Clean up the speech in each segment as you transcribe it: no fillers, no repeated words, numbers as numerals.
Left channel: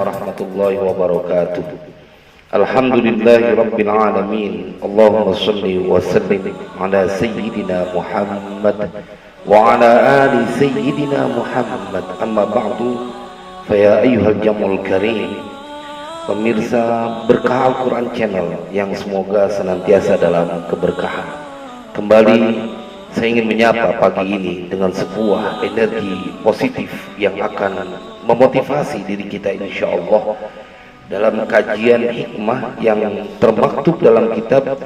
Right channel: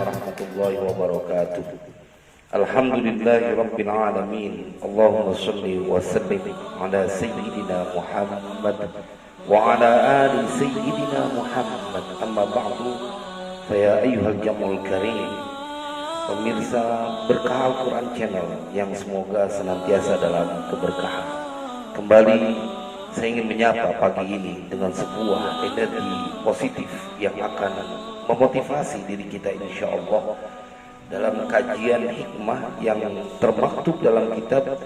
warahmatullahi wabarakatuh. Alhamdulillahi rabbil alamin. Allahumma salli wa sallim ala sayyidina Muhammad wa ala ali sayyidina Muhammad. Amma ba'du, fa ya ayyuhal jamul karim, pemirsa Berkah Al-Quran Channel yang semoga senantiasa dalam keberkahan. Kembali saya ingin menyapa pagi ini dengan sebuah energi positif yang akan memotivasi diri kita insya Allah dalam kajian hikmah yang termaktub dalam kitab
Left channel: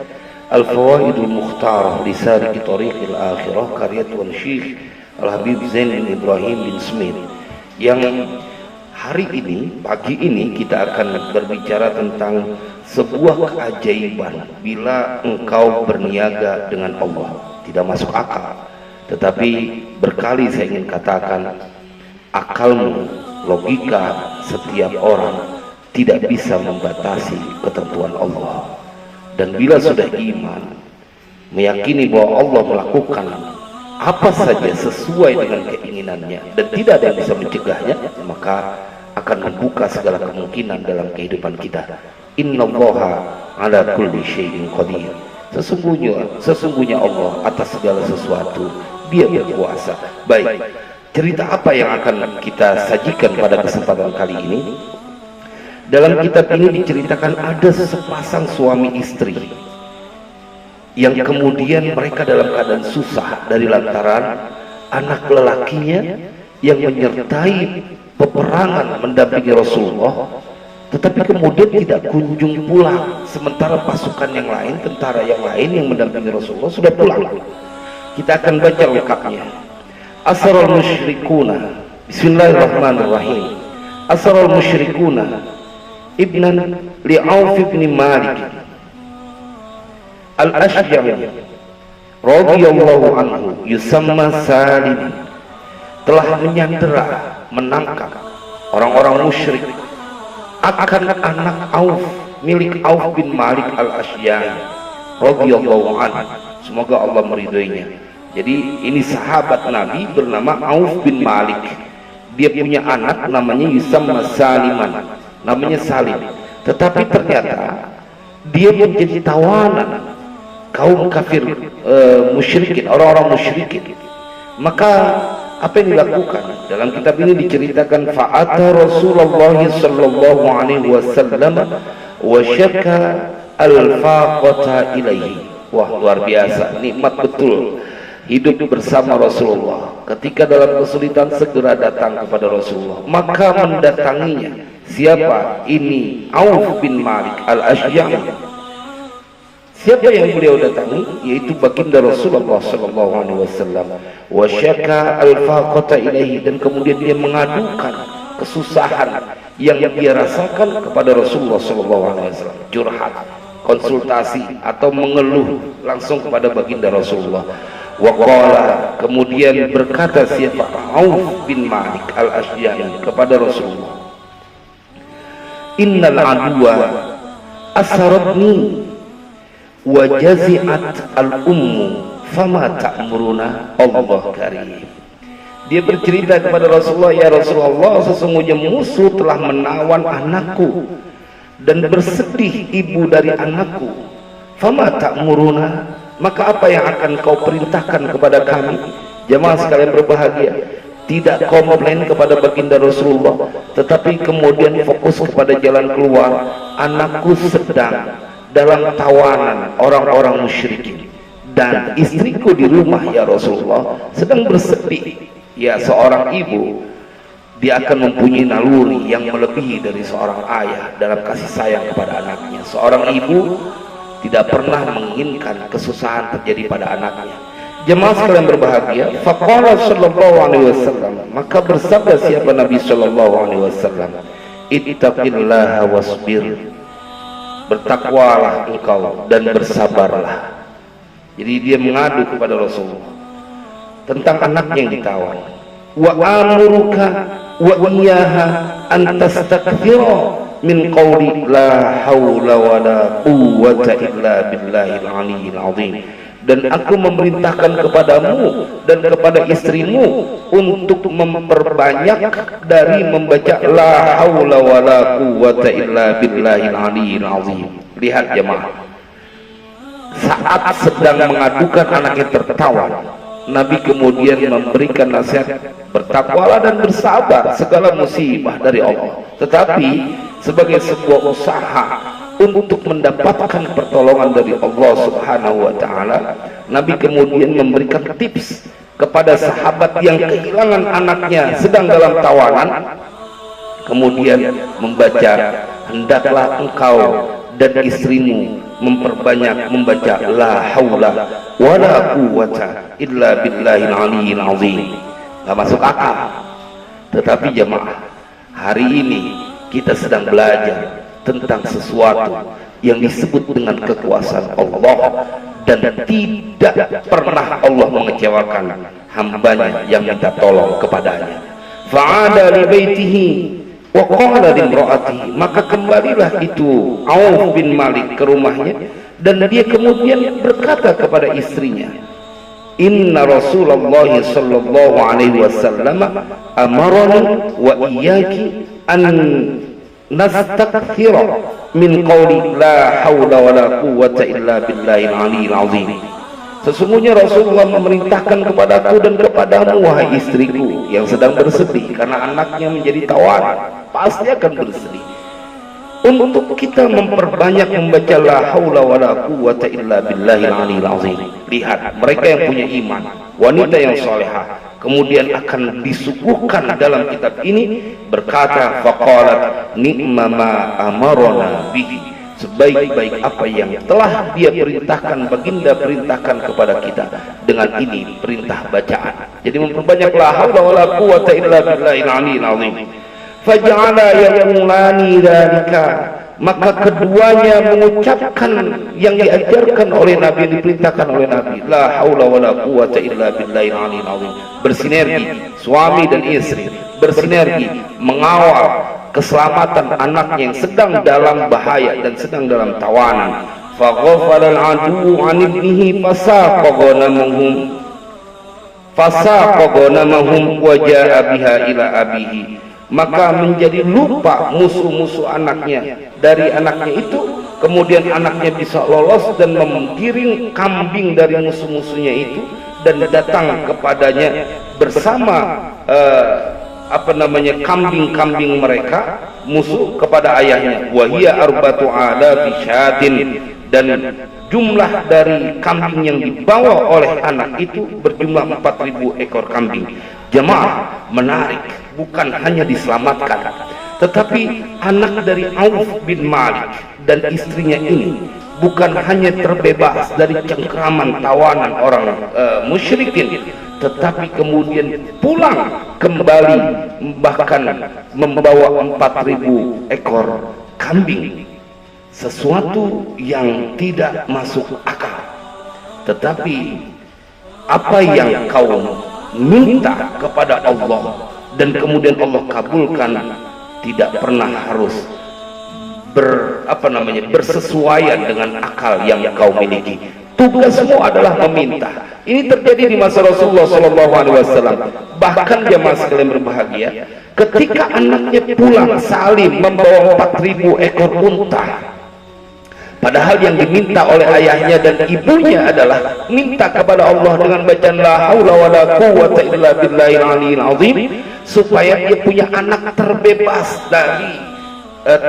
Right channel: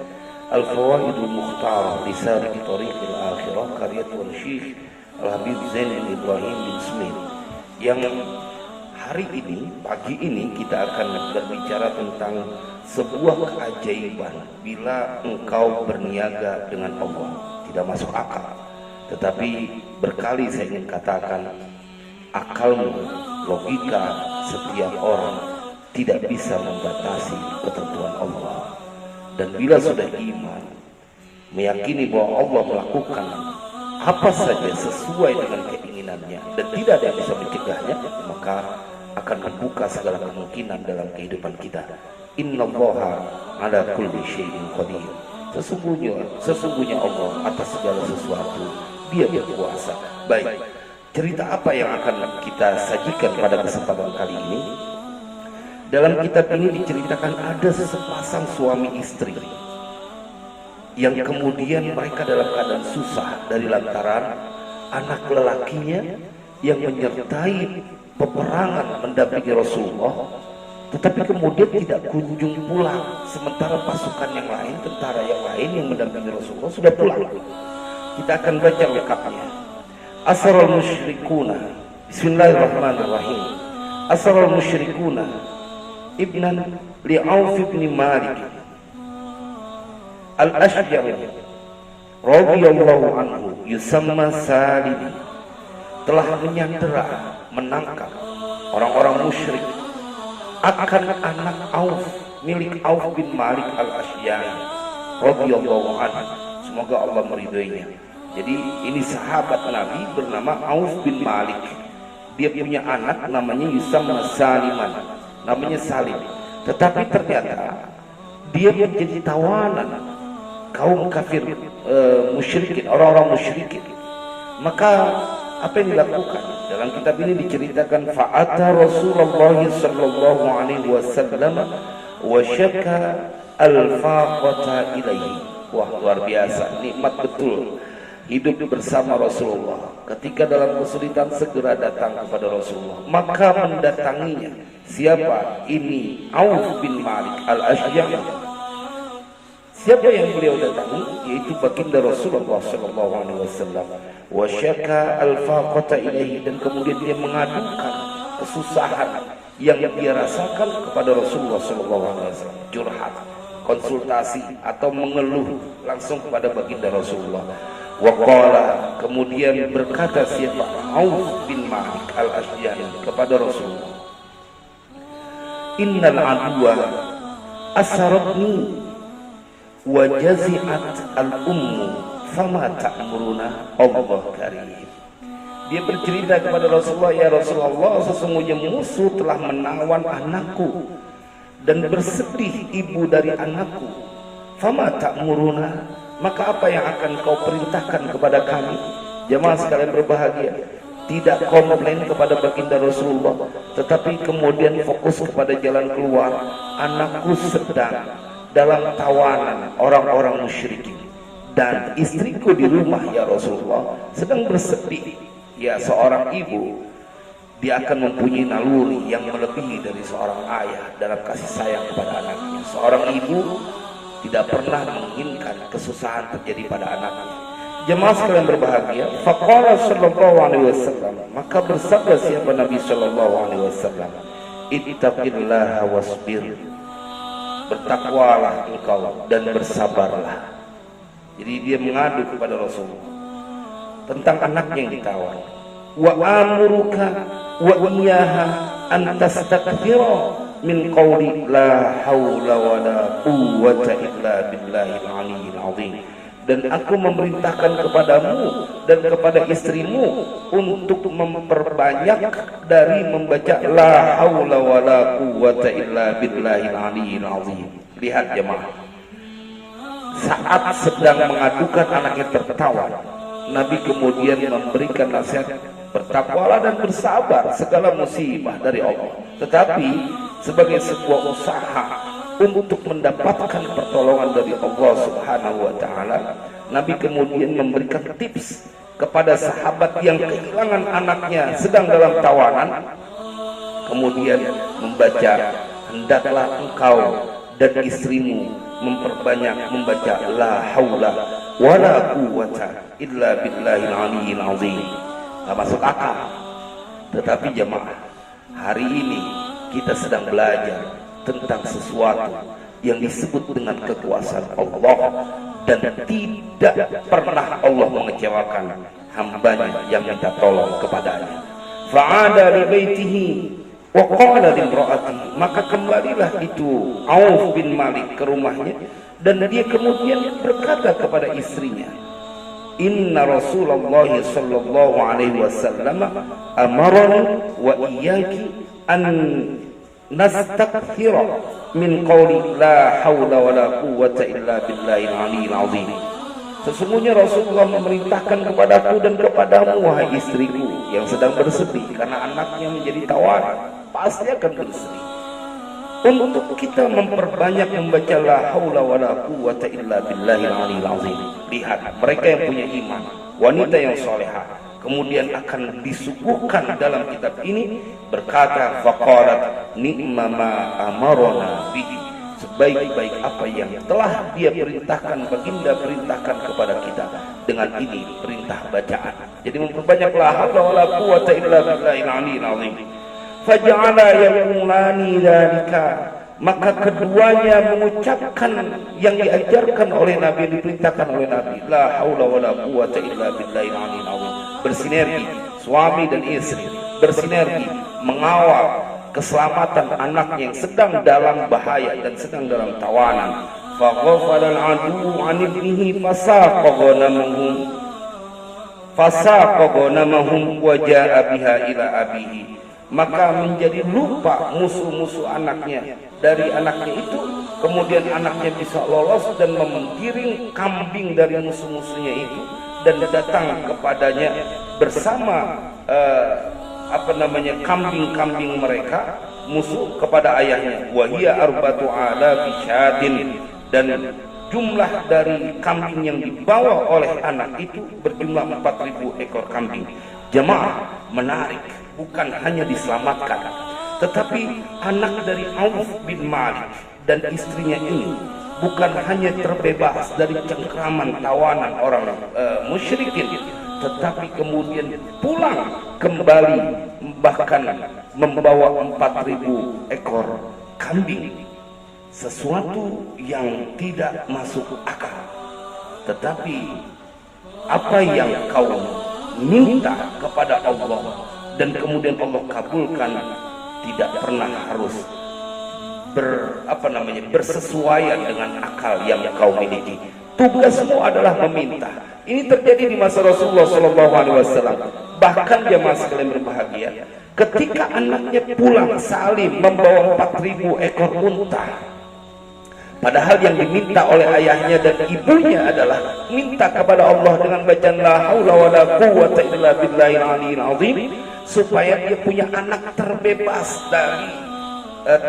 Al-Fawaidul Mukhtarah li Saliki Thariqil Akhirah karya Tuan Syekh Al-Habib Zain Ibrahim bin Smith, yang hari ini, pagi ini kita akan berbicara tentang sebuah keajaiban bila engkau berniaga dengan Allah. Tidak masuk akal, tetapi berkali saya ingin katakan, akalmu, logika setiap orang tidak bisa membatasi ketentuan Allah. Dan bila sudah iman, meyakini bahwa Allah melakukan apa saja sesuai dengan keinginannya dan tidak ada yang bisa mencegahnya, maka akan membuka segala kemungkinan dalam kehidupan kita. Innallaha ala kulli syai'in qadir. Sesungguhnya Allah atas segala sesuatu Dia berkuasa. Baik, cerita apa yang akan kita sajikan pada kesempatan kali ini? Dalam kitab ini diceritakan ada sepasang suami istri yang kemudian mereka dalam keadaan susah dari lantaran anak lelakinya yang menyertai peperangan mendampingi Rasulullah, tetapi kemudian tidak kunjung pulang, sementara pasukan yang lain, tentara yang lain yang mendampingi Rasulullah sudah pulang. Kita akan baca lengkapnya. Asrarul musyrikuna, bismillahirrahmanirrahim. Asrarul musyrikuna ibnan li Auf bin Malik al-Ashjari radhiyallahu anhu yusamma Salim, telah menyandera, menangkap orang-orang musyrik akan anak Auf milik Auf bin Malik al-Ashjari radhiyallahu anhu, semoga Allah meridhoinya. Jadi ini sahabat Nabi bernama Auf bin Malik. Dia punya anak namanya yusamma Saliman, namanya Salim. Tetapi ternyata dia menjadi tawanan kaum kafir musyrikin, orang-orang musyrikin. Maka apa yang dilakukan? Dalam kitab ini diceritakan fa'ata Rasulullah sallallahu alaihi wasallam wa syaka al-faqata ilaihi. Wah, luar biasa, nikmat betul hidup bersama Rasulullah. Ketika dalam kesulitan segera datang kepada Rasulullah, maka mendatanginya siapa? Ini Auf bin Malik al-Ashjari. Siapa yang beliau datangi? Yaitu baginda Rasulullah sallallahu alaihi wasallam. Wa syaka al-faqata ilaihi, dan kemudian dia mengadukan kesusahan yang dia rasakan kepada Rasulullah sallallahu alaihi wasallam. Curhat, konsultasi atau mengeluh langsung kepada baginda Rasulullah. Wa qala, kemudian berkata siapa? Auf bin Malik al-Ashjari kepada Rasulullah, innal aduwa asaratni wa jazi'at al-ummu fama ta'muruna Allah karim. Dia bercerita kepada Rasulullah, ya Rasulullah, sesungguhnya musuh telah menawan anakku dan bersedih ibu dari anakku. Fama ta'muruna, maka apa yang akan kau perintahkan kepada kami? Jemaah sekalian berbahagia, tidak komplain kepada baginda Rasulullah, tetapi kemudian fokus kepada jalan keluar. Anakku sedang dalam tawanan orang-orang musyrikin dan istriku di rumah ya Rasulullah sedang bersedih. Ya, seorang ibu dia akan mempunyai naluri yang melebihi dari seorang ayah dalam kasih sayang kepada anaknya. Seorang ibu tidak pernah menginginkan kesusahan terjadi pada anaknya. Jemaah sekalian berbahagia, faqala sallallahu alaihi wasallam, maka bersabda siapa Nabi sallallahu alaihi wasallam, ittaqillaha wasbir, bertakwalah engkau dan bersabarlah. Jadi dia mengadu kepada Rasulullah tentang anaknya yang ditawan. Wa amuruka wa iyyaha an tastakthira min qawli la haula wa la quwwata illa billahil aliyyil azim. dan aku memerintahkan kepadamu dan kepada istrimu untuk memperbanyak dari membaca la haula wala quwwata illa billahil aliyil azim. Lihat jemaah, saat sedang mengadukan anaknya tertawan, Nabi kemudian memberikan nasihat, bertakwalah dan bersabar segala musibah dari Allah. Tetapi sebagai sebuah usaha untuk mendapatkan pertolongan dari Allah Subhanahu wa taala, Nabi kemudian memberikan tips kepada sahabat yang kehilangan anaknya sedang dalam tawanan, kemudian membaca, hendaklah engkau dan istrimu memperbanyak membaca la haula wala quwwata illa billahil aliyil azim. Gak masuk akal. Tetapi jemaah, hari ini kita sedang belajar tentang sesuatu yang disebut dengan kekuasaan Allah, dan tidak pernah Allah mengecewakan hambanya yang minta tolong kepadanya. Fa'ada li baitihi wa qala limra'atihi, maka kembalilah itu Auf bin Malik ke rumahnya, dan dia kemudian berkata kepada istrinya, inna Rasulullah sallallahu alaihi wasallam amarani wa iyyaki an nastakthira min qawli la hawla wala quwwata illa billahil aliyil azim. Sesungguhnya Rasulullah memerintahkan kepadaku dan kepadamu, wahai istriku yang sedang bersedih karena anaknya menjadi tawanan, pasti akan bersedih, untuk kita memperbanyak membaca la haula wala quwwata illa billahil aliyil azim. Lihat, mereka yang punya iman, wanita yang salehah, kemudian akan disuguhkan dalam kitab ini berkata, faqalat ni'ma ma amarona bihi, sebaik-baik apa yang telah dia perintahkan, baginda perintahkan kepada kita. Dengan ini perintah bacaan, jadi memperbanyak la haula wala quwwata illa billahil aliyil azim. Faja'ala yaqulani dzalika, maka keduanya mengucapkan yang diajarkan oleh Nabi, yang diperintahkan oleh Nabi, la haula wala quwwata illa billahil aliyil azim. Bersinergi, suami dan istri bersinergi mengawal keselamatan anaknya yang sedang dalam bahaya dan sedang dalam tawanan. Faghafala al-adu an ibnihi fasaqa ghanamahum wa jaa biha ila abihi, maka menjadi lupa musuh-musuh anaknya dari anaknya itu, kemudian anaknya bisa lolos dan menggiring kambing dari musuh-musuhnya itu dan datang kepadanya bersama kambing-kambing mereka musuh kepada ayahnya. Wahia arbatu ala bisyatin, dan jumlah dari kambing yang dibawa oleh anak itu berjumlah 4.000 ekor kambing. Jemaah, menarik, bukan hanya diselamatkan, tetapi anak dari Auf bin Malik dan istrinya ini bukan hanya terbebas dari cengkraman tawanan orang musyrikin, tetapi kemudian pulang kembali bahkan membawa 4.000 ekor kambing. Sesuatu yang tidak masuk akal. Tetapi apa yang kau minta kepada Allah dan kemudian Allah kabulkan, tidak pernah harus bersesuaian dengan akal yang kau miliki. Tugasmu adalah meminta. Ini terjadi di masa Rasulullah SAW. Bahkan jemaah sekalian berbahagia, ketika anaknya pulang salim membawa 4.000 ekor unta, padahal yang diminta oleh ayahnya dan ibunya adalah minta kepada Allah dengan bacaan la haula wala quwwata illa billahil aliyil azim, supaya dia punya anak terbebas dari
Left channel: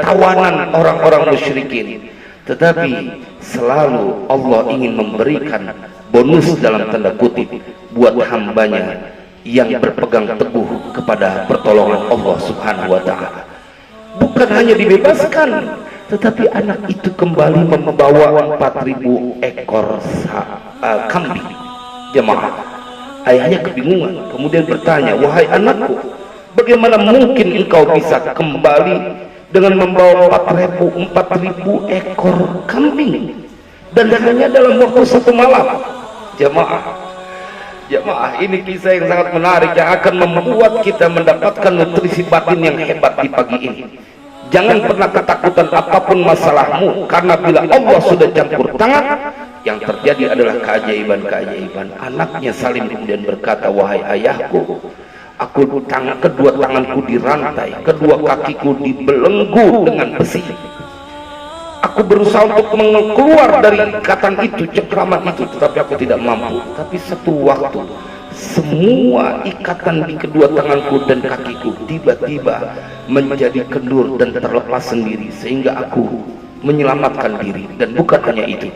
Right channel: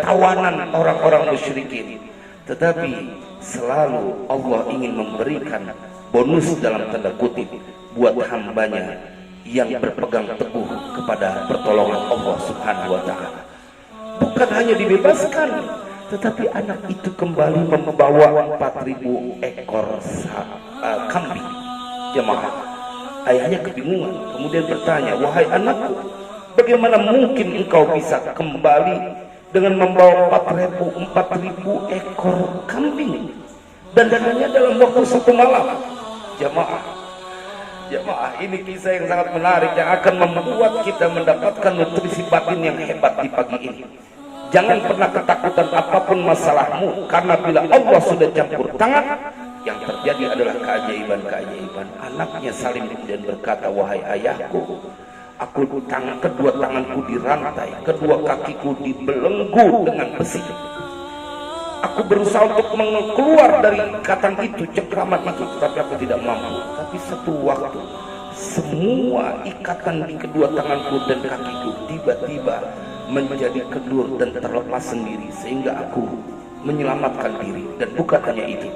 tawanan orang-orang musyrikin. Tetapi selalu Allah ingin memberikan bonus dalam tanda kutip buat hambanya yang berpegang teguh kepada pertolongan Allah Subhanahu wa ta'ala. Bukan hanya dibebaskan, tetapi anak itu kembali membawa 4.000 ekor kambing. Jemaah, ayahnya kebingungan, kemudian bertanya, wahai anakku, bagaimana mungkin engkau bisa kembali dengan membawa 4.000 ekor kambing, dan hanya dalam waktu satu malam? Jemaah, ini kisah yang sangat menarik yang akan membuat kita mendapatkan nutrisi batin yang hebat di pagi ini. Jangan pernah ketakutan apapun masalahmu, karena bila Allah sudah campur tangan, Yang terjadi adalah keajaiban-keajaiban. Anaknya Salim kemudian berkata, wahai ayahku, kedua tanganku dirantai, kedua kakiku dibelenggu dengan besi. Aku berusaha untuk keluar dari ikatan itu, cengkraman itu, tetapi aku tidak mampu. Tapi satu waktu, semua ikatan di kedua tanganku dan kakiku tiba-tiba menjadi kendur dan terlepas sendiri, sehingga aku menyelamatkan diri. Dan bukan hanya itu,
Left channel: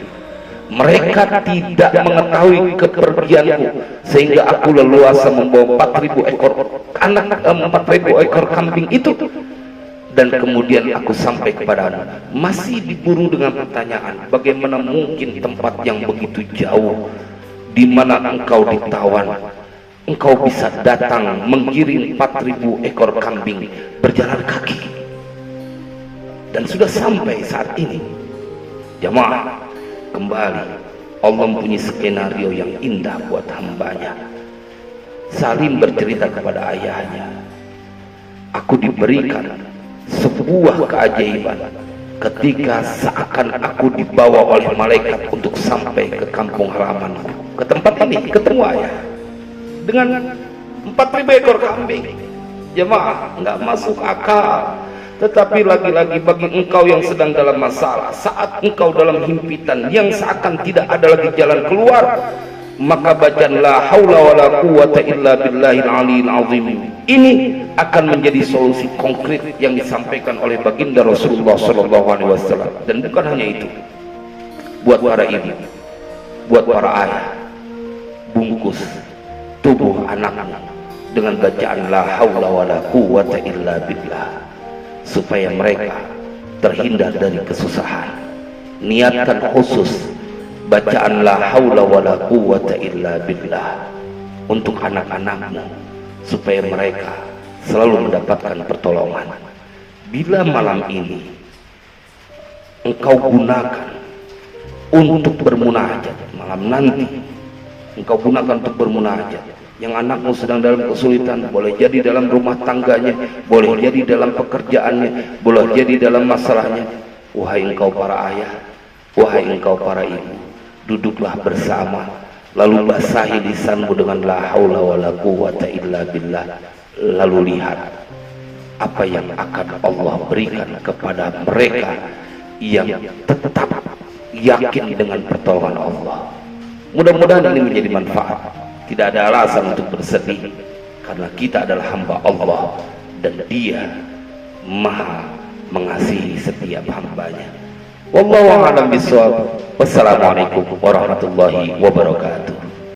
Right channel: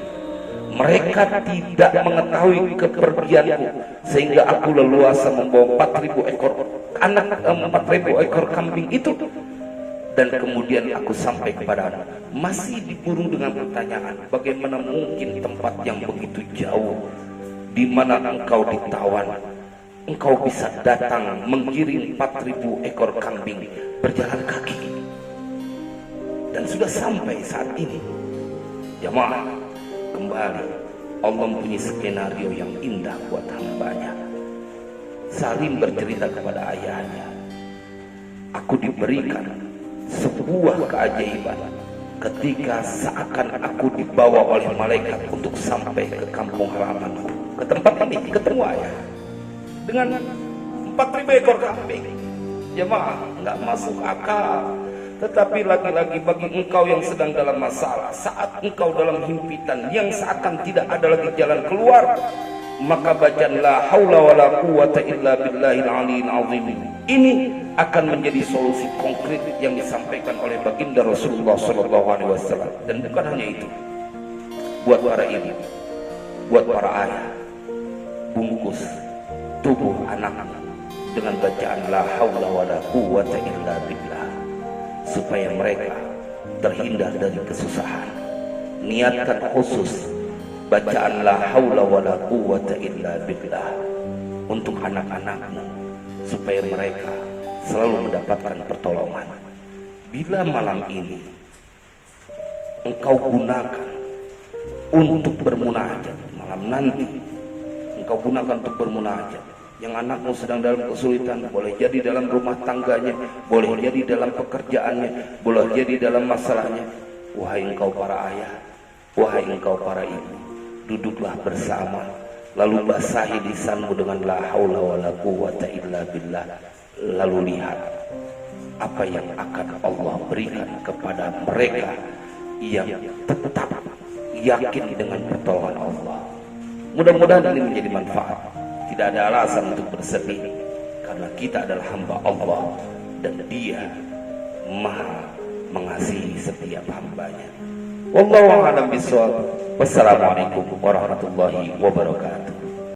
mereka tidak mengetahui kepergianku, sehingga aku leluasa membawa 4.000 ekor anak, 4.000 ekor kambing itu. Dan kemudian aku sampai kepada anak, masih diburu dengan pertanyaan, bagaimana mungkin tempat yang begitu jauh, di mana engkau ditawan, engkau bisa datang menggiring 4.000 ekor kambing berjalan kaki. Dan sudah sampai saat ini, jamaah, kembali Allah mempunyai skenario yang indah buat hambanya. Salim bercerita kepada ayahnya, aku diberikan sebuah keajaiban ketika seakan aku dibawa oleh malaikat untuk sampai ke kampung halamanku, ke tempat ini, ketemu ayah dengan 4.000 ekor kambing. Jemaah, nggak masuk akal. Tetapi lagi-lagi bagi engkau yang sedang dalam masalah, saat engkau dalam himpitan yang seakan tidak ada lagi jalan keluar, maka bacaan la haula wala quwata illa billahil aliyil azim ini akan menjadi solusi konkret yang disampaikan oleh baginda Rasulullah SAW. Dan bukan hanya itu, buat para ibu, buat para ayah, bungkus tubuh anakmu dengan bacaan la haula wala quwata illa billah, supaya mereka terhindar dari kesusahan. Niatkan khusus bacaan la haula wala quwata illa billah untuk anak-anakmu, supaya mereka selalu mendapatkan pertolongan. Bila malam ini engkau gunakan untuk bermunajat, malam nanti engkau gunakan untuk bermunajat, yang anakmu sedang dalam kesulitan, boleh jadi dalam rumah tangganya, boleh jadi dalam pekerjaannya, boleh jadi dalam masalahnya, wahai engkau para ayah, wahai engkau para ibu, duduklah bersama, lalu basahi lisanmu dengan la haula wala quwata illa billah, lalu lihat apa yang akan Allah berikan kepada mereka yang tetap yakin dengan pertolongan Allah. Mudah-mudahan ini menjadi manfaat. Tidak ada alasan untuk bersedih, karena kita adalah hamba Allah dan Dia Maha mengasihi setiap hambanya. Wallahu a'lam bishawab. Wassalamualaikum warahmatullahi wabarakatuh.